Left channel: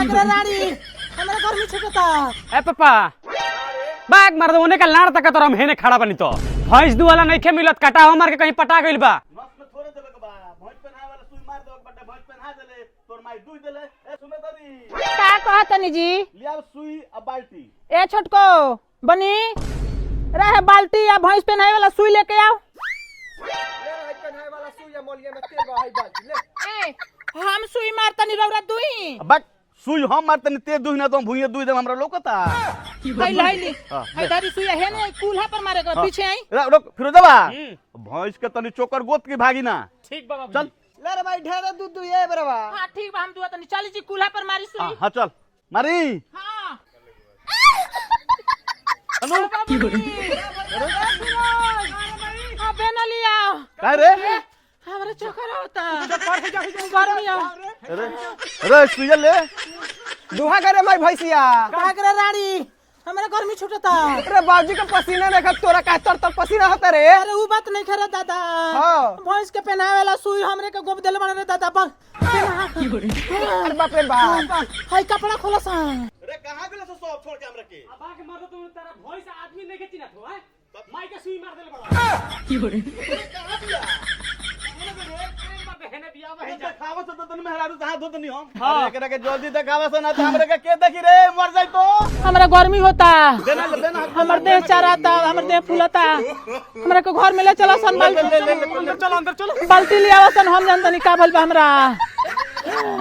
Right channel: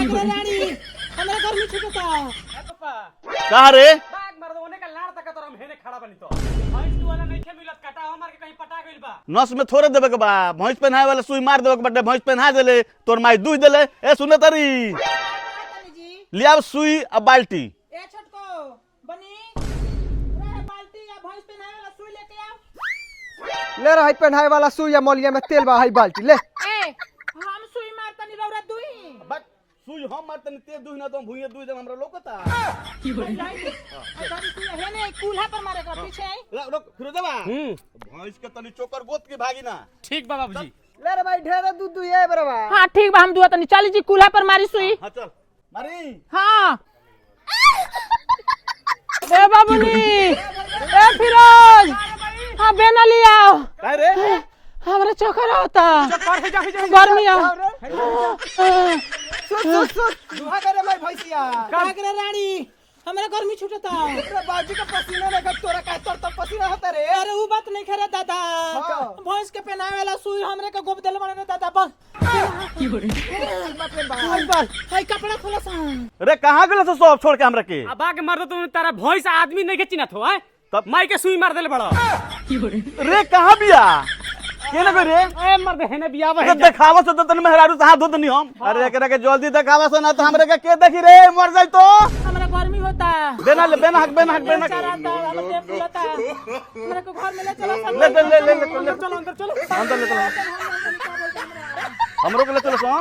रानी हमरा घर में छुटता ए पापा का रे बाग मार दो ओने का लाड़ तक तोरा हम हेने खड़ा बनी तो भैंस दू वाला नइखे मिलत काटा मार के कहीं पटा गइल बा नस में थोड़े देबे के बा भैंस पहनाए वाला सुई मार देबे के बटे भैंस पहना देले तोर माई दूध देले ए सुने तारी का कहतनी जी लिया सुई आ बाल्टी ए छोटको बनी रहे बाल्टी या भैंस पहनाए वाला सुई लेके आओ ले रहा पहनाए वाला सुई या मौलिया में तेल बा है बाल्टी ले ए हम सुई मारतनी रौरा दुही बट सुई हम मारतनी ते दूध ना तो भुइया दूध देम हमरा लोकता आई लाइली आई दादी सुई है ना कूल्हा पर मारे के पीछे आई रुक फिरोजवा भैंस के तनी चोकर गोत की भागी ना ठीक बा चल ले रे भाई ढेरे दूध दुहे बरवा हां ठीक बा हम दुआ तनी चली जी कूल्हा पर मारी सुई हां चल मारी हां ए बाबूजी ए फिरोज हां बेना लिया का रे हमरा चक्कर आता गर्मी आ अरे सुई ले दुहा करे भाई भैंसिया का करे रानी हमरा गर्मी छुटता अरे बाबूजी का पसीना देखा तोरा का तर पसीना होता रे अरे ऊ बात नहीं करे दादा हां भैंस के पहनावे वाला सुई हमरे के गोब देले बने दादा बस बाप रे बाप हाय कपड़ा खोलो सा रे कहां गेल तो सब छोड़ के हमरा के अब बाग मार दो तू तारा भैंस आदमी नहीं के चिन्हत हो तब माई के सुई मार देले बड़ा रे कहां बिया केना गई रे ए मर दे हेने बिया तो देखावा से तो तन मेहरारू से हाथ धोतनी हम अरे एकरा के जल्दी देखावा से ना तो हमरे के देखी रे मर जाई तो हमरा गर्मी होता देना बेना हाथ में देह चराता हमर देह फूलता हमरा के घर में ले चलो सन बाल्टी चलो अंदर चलो बाल्टी ले आवा सन हम जानतनी का भइल बा हमरा हमरो के ले चलो